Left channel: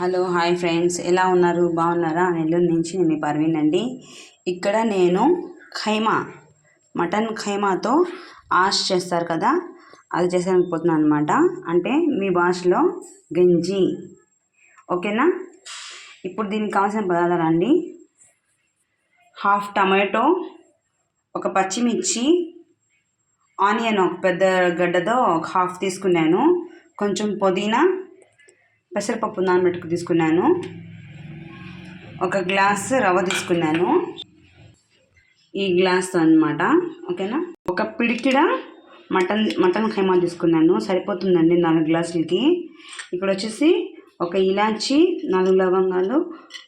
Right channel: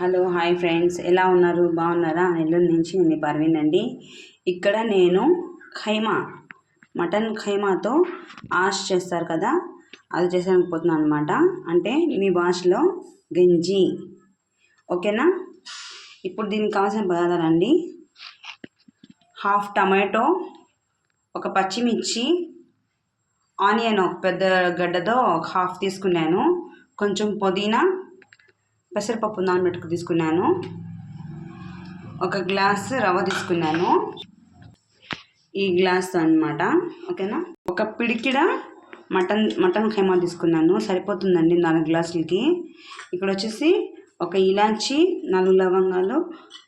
Hello hi friends, ఎలా ఉన్నారు? బాగున్నారా? నెల్లూరు నుంచి నేను మీ పర్వీన్ అండి. ఇక్కడ నేను మటన్ ఖైమాతో ఆష్ చేస్తారు కదా, అది చేసేకపోతున్నాను అనమాట. అంటే మీ భాషలో గంజి, ఓకేనా? ఇప్పుడు దీనికి కావాల్సిన పదార్థాలు అండి: హాఫ్ టమాటో, ఒక పచ్చిమిర్చి, ఆనియన్ ఒక పెద్ద గడ్డతో ఒక హాఫ్ తీసుకున్నాను, కొంచెం పుదీనా, పెసరపప్పు నానబెట్టుకు తీసుకున్నాను, ఒక గ్లాస్ రవ్వ తీసుకున్నాను, ఈ గ్లాస్తో అనమాట, ఓకేనా? ఒక పిడికిడ మటన్ ఖైమా తీసుకున్నాను, సరిపోతుందండి 4 గ్లాసులకి. ఇక్కడ వచ్చేసి ఒక ఇలాచి, 4 లవంగాలు,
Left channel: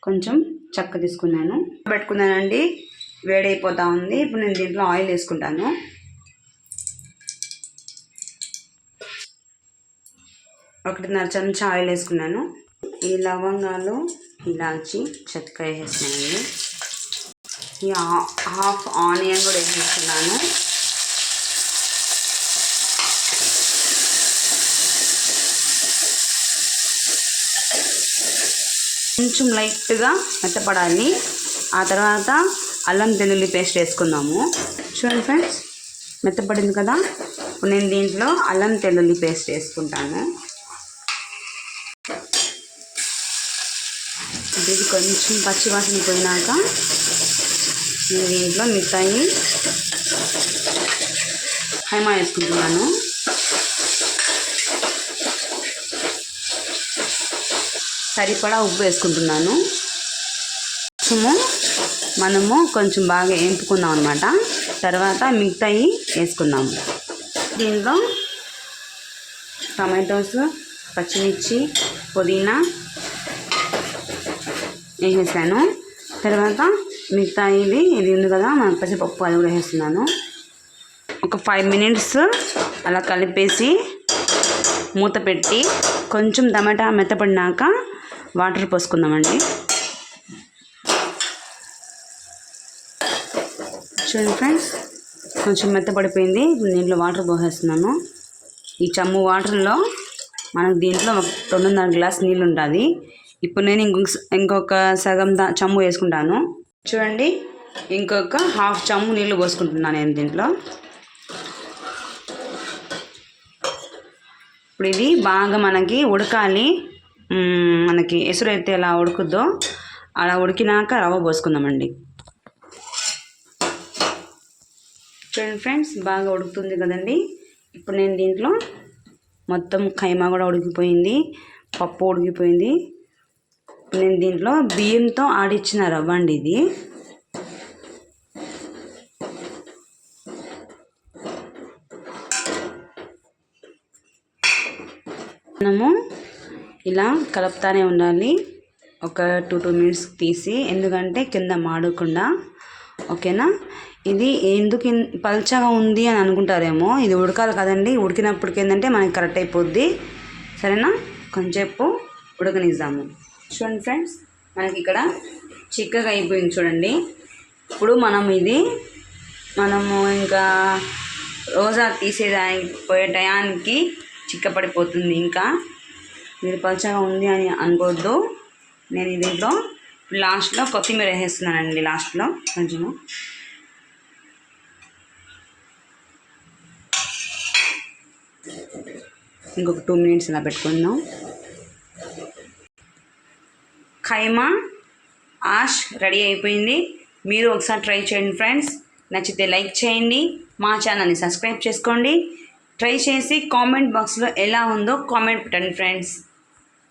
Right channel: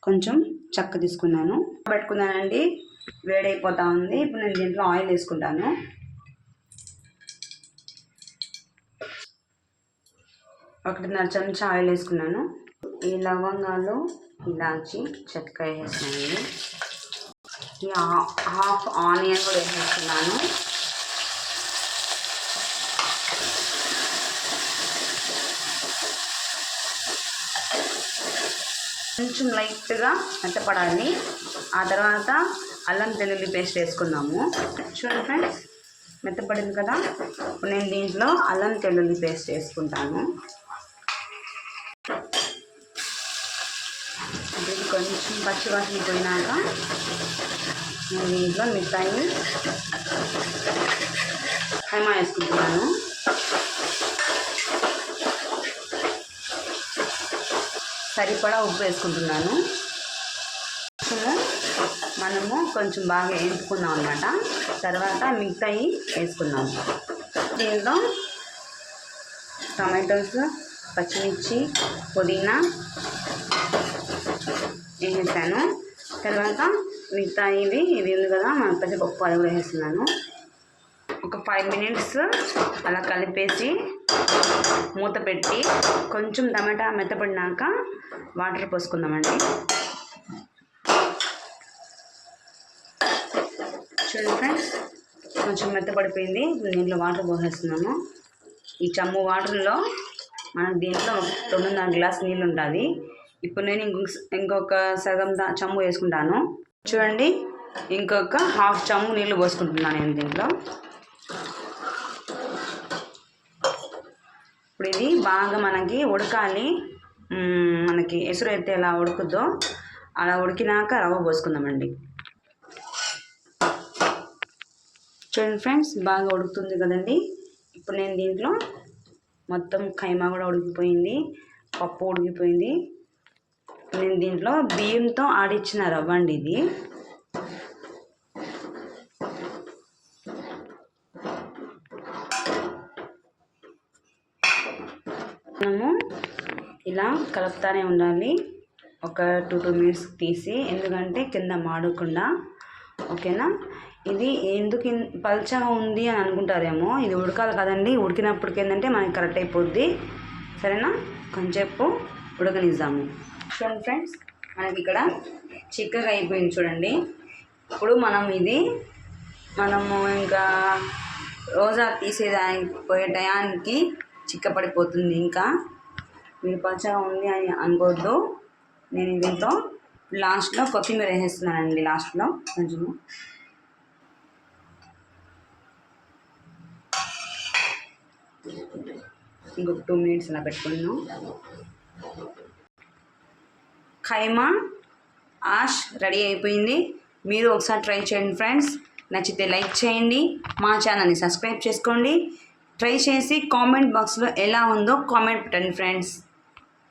కొంచెం చెక్క తీసుకున్నాను, పెట్టుకున్నానండి. వేడైపోతూ ఉంది. ఇప్పుడు నేను దీంట్లో ఆయిల్ వేసుకుంటాను. ఒకటిన్నర చెంచా ఆయిల్ వేసుకున్నాను. ఈ లవంగాలు, ఇలాచి, చెక్క వేసేస్తున్నాను. ఈ హాఫ్ ఆనియన్ కూడా వేసేస్తున్నాను. కొంచెం లైట్గా మెత్తపడాలి. ఆ తర్వాత అల్లం వెల్లుల్లి పేస్ట్ వేసుకుందాము. చూడండి ఫ్రెండ్స్, మెత్తపడింది కదా. ఇప్పుడు నేను దీంట్లో అల్లం వెల్లుల్లి పేస్ట్ వేసుకుంటాను. ఇది కొంచెం పచ్చివాసన పోయినాక నేను దీంట్లో మిగతాయి ఖైమా వేసుకుంటున్నాను. సరిపడా ఉప్పు వేసుకుంటున్నాను. మనము కొంచెం బాగా వేపుకుందాం అన్నమాట. తర్వాత మిగతాయి వేసుకుందాము. దీంట్లో టమాటోస్, పచ్చిమిర్చి, పుదీనా వేసేసాను. తర్వాత మిగతా ఇది ఉంది కదా పెసరపప్పు, అది కూడా వేస్తున్నాను. ఒక 5 మినిట్స్ అలా కలిపేసి మూత పెట్టి కొంచెం టమాటా మెత్తపడినాక వాటర్ పోసుకుందామండి. చూడండి ఫ్రెండ్స్, కొంచెం మెత్తపడిపోయింది. దీంట్లో వాటర్ పోసేస్తున్నాను. ఈ చెంబు వాటర్లో మనకు దీంట్లో 2.5 గ్లాస్ నీళ్ళు ఉంటుంది. ఇప్పుడు నేను ఇంకొక సగం చెంబు వేసుకుంటాను. చూడండి, ఇంకొక హాఫ్ చెంబు నీళ్ళు పోసుకుంటున్నాను నేను దీంట్లో. ఇప్పుడు ఇది బాగా మనకి ఉడకాలి. మనకి ఎసురు అయితే ఎలా ఉడుకుద్దో అలా ఉడికినాక రవ్వ పోసుకుందామండి. చూడండి ఫ్రెండ్స్, బాగా ఉడుకుతుంది కదండి. ఇప్పుడు నేను దీంట్లో మొత్తం ఖైమా కూడా ఉడికిపోయింది, పప్పు ఉడికిపోయింది. నేను దీంట్లో బియ్యంతో ఆడిచ్చిన రవ్వ అండి ఇది. మనము ఇలా కలుపుతానే ఉండాలి. ఒక 2 మినిట్స్ తీసి, ఎందుకంటే కింద మాడకుండా, ఓకేనా? ఇది ఎందుకు పల్చగా ఉంది అని అనుకుంటారేమో, ఇది ఉడకాలి కదండి. ఉడికినప్పటికి ఏంటంటే మనకి కరెక్ట్ అయిపోద్ది. సరేనా? కొంచెంసేపు ఉడకనిద్దాము. చూడండి ఫ్రెండ్స్, మనకి ఇక్కడ చిక్కగా అయిపోయింది చూడండి. ఇప్పుడు మనము ఇంకా రోజా తీసేదానికి టయానికి చిక్కపడిపోతుంది. ఇంకా మీరు పలుచగా ఉంది అని అనుకోవద్దు. నేను దీంట్లో లాస్ట్లో కొత్తిమీర వేసేస్తున్నానండి. లాస్ట్లో కొంచెము ఇంకొక 2 మినిట్స్ ఇలా పెట్టుకుందాం. ఖైమా ఆష్ రెడీ అయిపోయింది. మీరు ఒకసారి ట్రై చేయండి ఫ్రెండ్స్. నచ్చితే లైక్ చేయండి, మా ఛానల్ని సబ్స్క్రైబ్ చేసుకోండి. ట్రై చేసి కామెంట్ బాక్స్లో ఎలా ఉందో కామెంట్ పెట్టండి ఫ్రెండ్స్.